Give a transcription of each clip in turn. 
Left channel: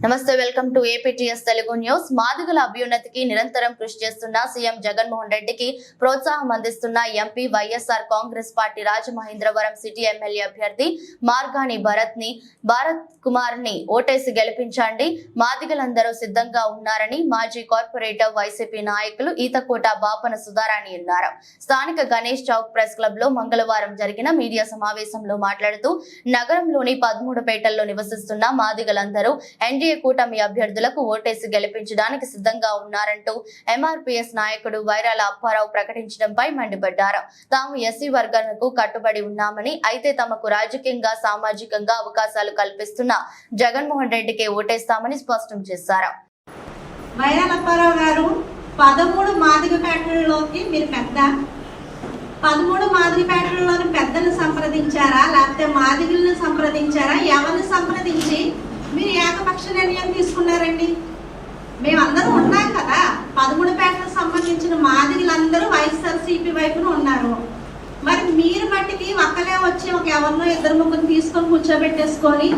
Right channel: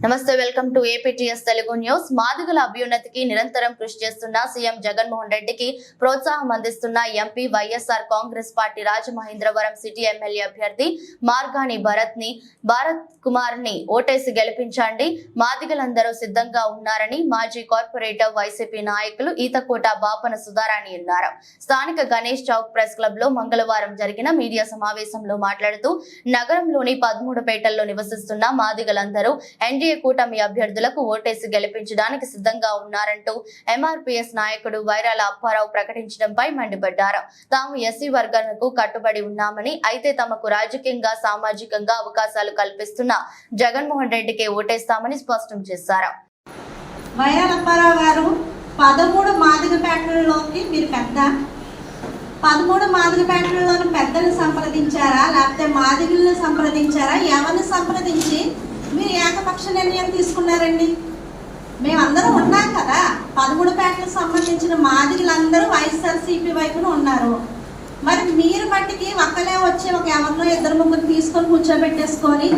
నమస్తే, welcome to APTS Telugu news. మాదిగల అభ్యున్నతికి నిరంతరం కృషి చేస్తున్న సీఎం జగన్మోహన్ రెడ్డికి ప్రోత్సాహం అందిస్తున్న MP YSR Congress party Rajamahendravaram city MLA అభ్యర్థి మార్గాని భారత్ కుమార్ ని ఓటేసి గెలిపించండి. మాదిగలందరూ సిద్ధంగా ఉన్నారని మాజీ కార్పొరేటర్ వైసీపీ నాయకులు ఈతకోట బాపన సుధారాణి అన్నారు. స్థానిక గణేష్ చౌక్ ప్రెస్ క్లబ్ లో మంగళవారం జరిగిన మీడియా సమావేశంలో మాట్లాడుతూ నగరంలోని 13 పేటల్లో నివసిస్తున్న మాదిగలందరూ ఎన్డీఏ కూటమి అభ్యర్థులకు ఓటేసి గెలిపించడానికి సిద్ధంగా ఉన్నారంటూ ఎంఆర్పీఎస్ నాయకుడు వైరాల అప్పారావు ప్రకటించడంపై మండిపడ్డారు. తాము ఎస్సీ వర్గాలకు కట్టుబడి ఉన్నామని, అయితే తమకు రాజకీయంగా సామాజికంగా అవకాశాలు కల్పిస్తున్న జగన్మోహన్ రెడ్డికి ఓటేస్తామని స్పష్టం చేశారు. వైరాల అప్పారావు గారు 13 మాదిగ పేటలలోకి మీరు 13 మాదిగ పేటలలోని పెద్దను సంప్రదించారా, లేకపోతే మాదిగలను సంప్రదించారా? ఎవరిని సంప్రదించి మీరు ఏకపక్ష నిర్ణయం తీసుకున్నారండి? మేమందరం ఉన్నాం కదా. 13 పేటలకు సంబంధించిన మాదిగలందరూ వైఎస్ఆర్సీపీ వైపున ఉన్నారు. మరి మీరు మట్టికి ఒక్కలే వచ్చి ఒక ఎవరినో 2-3 తీసుకొని కూర్చోబెట్టేసుకొని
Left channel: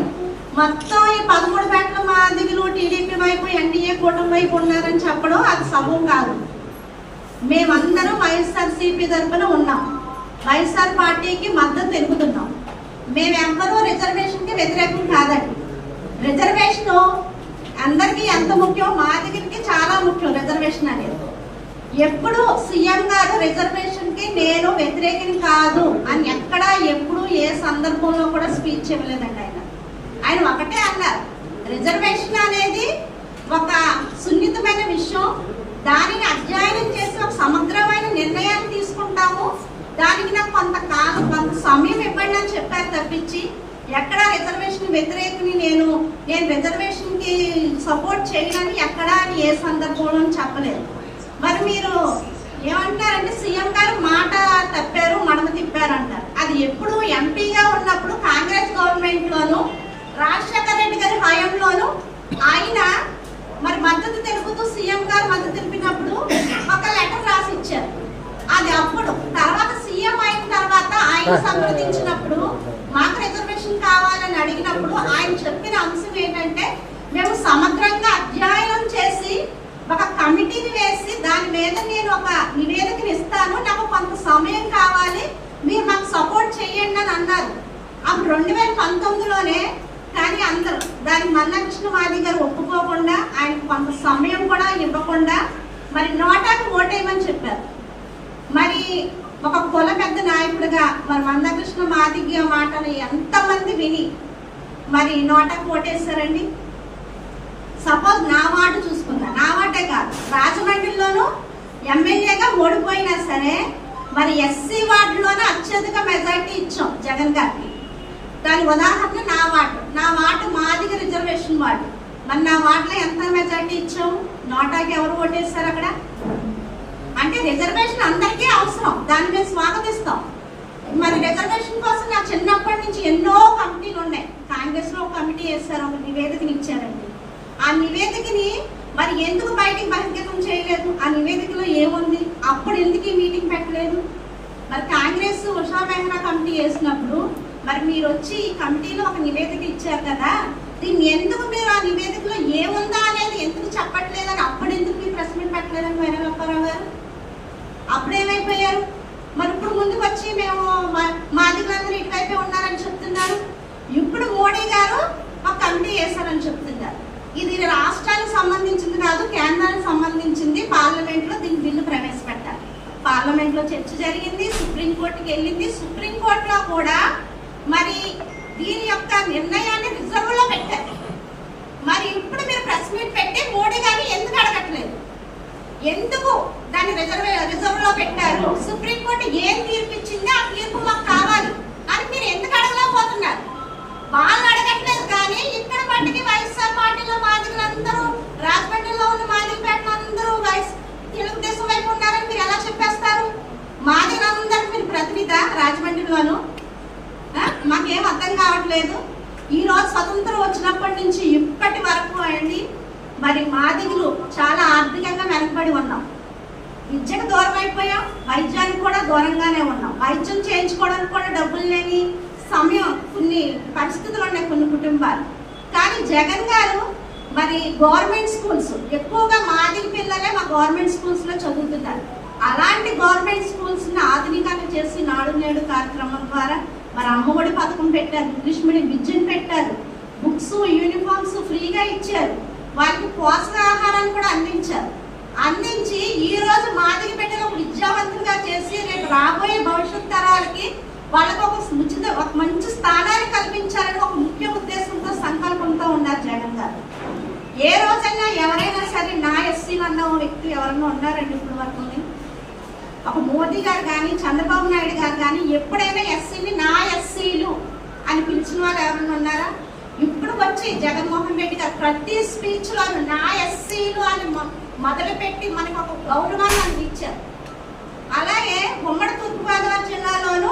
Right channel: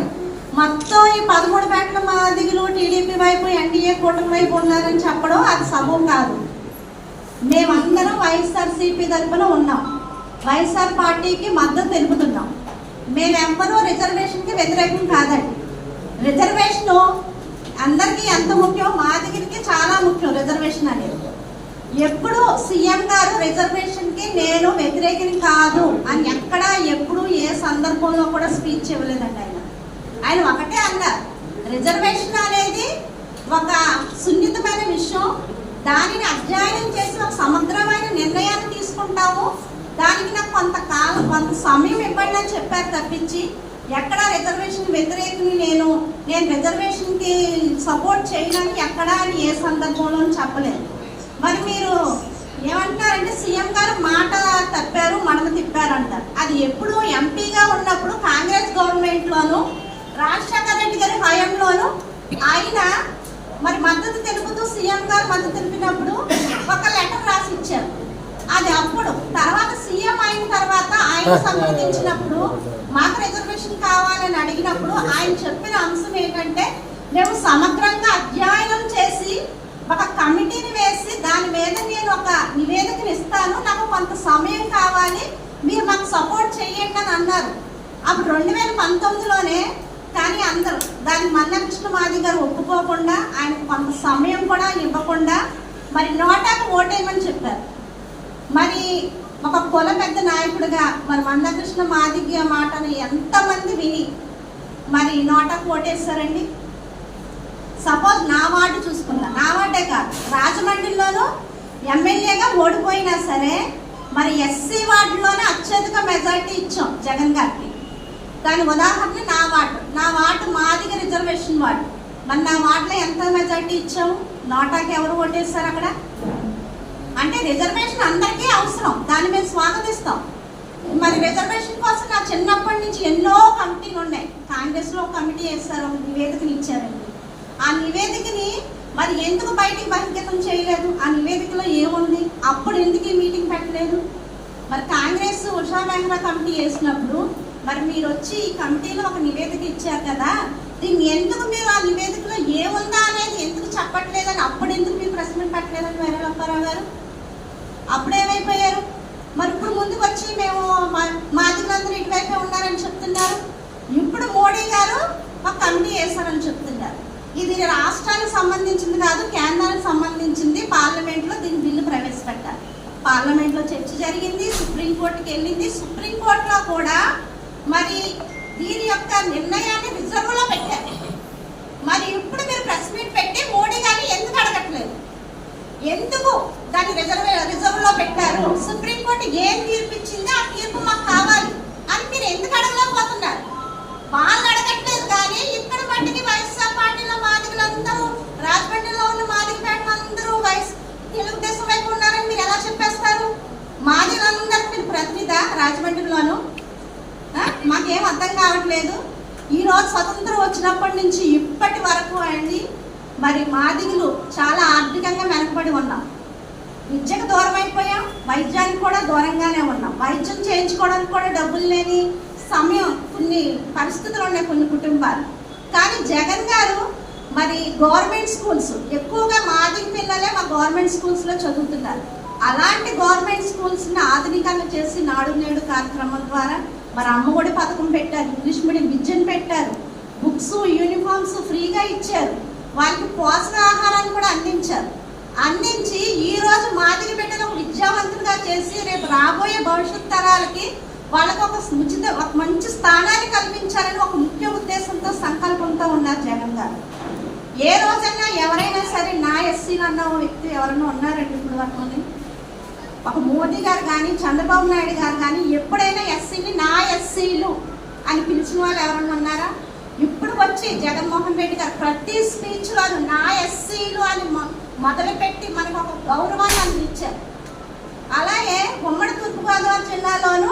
మొత్తం ఈ 13 పేటల మాదిగలు టీడీపీ వైపు ఎన్డీఏ కూటమి వైపు ఉన్నారని చెప్పడం అది సబబు కాదు. మేమందరం వైఎస్ఆర్సీపీ తరఫున ఉన్నాం. వైఎస్ఆర్ పార్టీకి మద్దతు తెలుపుతున్నాం. మేమెవ్వరూ రిజర్వేషన్కి వ్యతిరేకం కాదండి. రిజర్వేషన్ అందరికీ ఎంత ముఖ్యం, మాదిగలకి చాలా ముఖ్యం రిజర్వేషన్ అనేది. ఎప్పుడు సీఎం గారు రిజర్వేషన్కి నేను వ్యతిరేకిని కాదు అని ఎక్కడా ఎప్పుడు ఏ సందర్భంలో కూడా స్పీచ్ ఇవ్వలేదండి. ఆయన ఒకటే అన్నారు, రిజర్వేషన్ అనేది ఒక సున్నితమైన విషయం, దానిని అధ్యయనం చేసి ఒక సమగ్రమైన నిర్ణయాన్ని తీసుకుంటాము, దానికి నాకు కొంత సమయం ఇవ్వండి అని చెప్పారు తప్పించి ఎక్కడా రిజర్వేషన్ వ్యతిరేకిని నేను రిజర్వేషన్కి సపోర్ట్ చేయనని ఎక్కడా అని ఏ సందర్భంలో చెప్పలేదు. మరి మీరు ఏమంటారంటే సీఎం గారు మాట తప్పారు, మడమ తిప్పారు అంటారు. అది ఎప్పుడు ఎంపీగా ఉన్నప్పుడు కాంగ్రెస్ గవర్నమెంట్లోను రాజశేఖర రెడ్డి గారి హయాంలోను ఆయన మరి మద్దతు తెలుపుతూ సీఎం గారు మద్దతు తెలిపినప్పుడు ఒక లెటర్ రాసి ఇచ్చారు. అది అప్పుడు తర్వాత సీఎం అయిన తర్వాత ఆయన సంప్రదించినప్పుడు మాకు రిజర్వేషన్ కావాలని అడిగినప్పుడు ఆయన చెప్పిన అంశం ఏంటంటే, మేము సమగ్రంగా అధ్యయనం చేసి ఒక కమిటీని వేసి దాని మీద నేను ఒక నివేదికను ఇస్తాను, నాకు కొంత సమయం కావాలి, మీరు మాకు సపోర్ట్ చేయండి అని అన్నారు. అప్పుడు 2019లోనే. కానీ అందరూ దానికి మన్నకృష్ణ మాది గారు ఒప్పుకోకుండా ఆయనకు కొంత సమయం కూడా ఇవ్వకుండా మరి నోటాకు ఓటేయమని చెప్పారు. మరి ఒక కుల పెద్ద నాయకుడిగా మరి మందకృష్ణ మాదిగ మాటను ఎంతమంది విని మరి నోటాకు ఓటేస్తారండి? సపోజ్ నా వార్డు చూసుకుందా, నా వార్డే కాదు, రాజమండ్రిలోనూ ఎమ్మెల్యేగా ఓడిపోయినా సరే మరి ఎస్సీ వార్డులోనే అత్యధిక మెజార్టీ ఇచ్చాం జగన్ గారికి. దాని ఉదాహరణ నా వార్డు మాదిగ రిజర్వేషన్ వార్డు. మరి నా వార్డులో ఎంత మెజార్టీ ఇచ్చాం? నోటాకి ఎవరు ఓటేస్తారు అక్కడ? అంటే రిజర్వేషన్ అందరికీ అవసరం, దాన్ని మేము స్వాగతిస్తాం. మరి రిజర్వేషన్ కోసం నా చిన్నప్పటి నుంచి ఎన్నో కమిటీలు ఉన్నాయి. కాంగ్రెస్లో కమిటీ వేస్తారు, ఒక నివేదికని ఇచ్చారండి. ఆ నివేదికని మరి ఎందుకు బయటికి బహిర్గతం చేయలేదు? ఆ నివేదికలో ఏముంది? అప్పుడు ఎందుకు ఈ మీటింగ్ పెట్టలేదు? మరి కాంగ్రెస్ ఉషా మెహ్రా కమిటీ వేసినప్పుడు మరి మీరు వచ్చి ఈ కమిటీలో ఒక నివేదిక ఇచ్చారు కదా, దీన్ని ఎందుకు మీరు ఆ నివేదికలో ఏముందా అనేది ఎందుకు చెప్పట్లేదని అప్పుడు ఎందుకు మీరు ప్రెస్ మీట్ పెట్టలేదని వైరాల అప్పారావు గారు? అప్పుడు ఏమైపోయారు? మరి ఇప్పుడు ముందుకు వచ్చి మేము మాదిగలందరూ ఇటువైపే ఉన్నారని చెప్తున్నారు. ఇప్పుడు మోడీ గారు ఒక కమిటీ వేశారని చెప్తున్నారు. ఇది రాష్ట్రానికి సంబంధించింది కాదు, కేంద్రానికి సంబంధించింది. పార్లమెంట్లో దీని బిల్లు ప్రవేశపెట్టారు. పార్లమెంట్లో చర్చ జరిగింది, సుప్రీంకోర్టుకి వెళ్ళింది. సుప్రీంకోర్టులో కూడా మరి దీని యొక్క నిర్ణయాన్ని రిజర్వ్లో పెట్టారు. మరి ఇప్పుడు మీరు ప్రెస్ మీట్ పెట్టి మోడీ గారిని ఎందుకు అడగట్లేదు? ఎందుకు దాన్ని రిజర్వ్లో పెట్టారు? సుప్రీంకోర్టు ఏం తీర్పిచ్చింది, ఆ తీర్పు మాకు కావాలి అని మీరు ఎందుకు అడగలేకపోతున్నారు? వాళ్ళు అడగట్లేదు. కానీ ఇక్కడ మట్టికి వైఎస్ఆర్ పార్టీలో మాదిగలందరూ, రాజమండ్రిలో ఉన్న మాదిగ పేటలందరూ తెలుగుదేశం వైపు ఉన్నారని మీరు ఎలా చెప్పేస్తారు? మాదిగలందరికీ మీరు ప్రతినిధా రాజమండ్రిలోను? మాకేం అర్థం కావట్లేదు. ఈరోజు స్వతంత్రం వచ్చినప్పటి నుంచి ఇప్పటి వరకు అండి మరి మాదిగలు చాలా ఆర్థికంగా వెనకబడి ఉన్నాం. విద్యకు దూరం అయిపోయాం, వైద్యానికి కూడా దూరంగానే ఉన్నాం. వైద్యం చేయించుకోవడానికి కూడా డబ్బులు లేని సమయం, కొన్ని పరిస్థితులు ఉన్నాయి కొన్ని కుటుంబాలు. కానీ జగన్ గారు మరి గవర్నమెంట్ స్కూల్స్ ఎక్కువగా మాదిగ పిల్లలే మా గవర్నమెంట్ స్కూల్స్లో చదువుతున్నారు. అలాంటి గవర్నమెంట్ స్కూల్స్ని ఆధునీకరణ చేసి నాడు నేడు కార్యక్రమం ద్వారా మరి అమ్మఒడి పథకం పెట్టారు, ఇంగ్లీష్ మీడియం విద్యను పెట్టారు, బుక్స్ యూనిఫామ్స్ ఫ్రీగా ఇచ్చారు, వాళ్ళకి పోషకాహారాన్ని కూడా అందించి ఈ రోజు మాదిగ బిడ్డలు విద్యావంతులుగా చేసి రేపు రాబోయే భవిష్యత్ తరాలకి వాళ్ళకు ఒక మంచి స్థానాన్ని కల్పించాలని ఒక ముఖ్య ఉద్దేశంతో సంకల్పంతో ఉన్నారు జగన్ గారు. ఏ రోజైనా ఎవరైనా సరే నా ఎస్సీలు అన్న వ్యక్తి ఎవరైనా ఉన్నారండి ఇప్పుడు వరకు? ఒక మోదీ గారు కానీ చంద్రబాబు నాయుడు గారు కానీ ఎప్పుడైనా ఎస్సీని నా ఎస్సీలు అని పిలిచిన వాళ్ళు ఎవరైనా ఉన్నారా? ఇప్పుడు వచ్చి జగన్మోహన్ రెడ్డి గారు ప్రతి స్పీచ్లోను నా ఎస్సీలు అని మొదలుపెట్టి మనకు ఒక గౌరవాన్ని అందించారు. అలాగే ఉమ్మడి తూర్పుగోదావరి జిల్లాలోను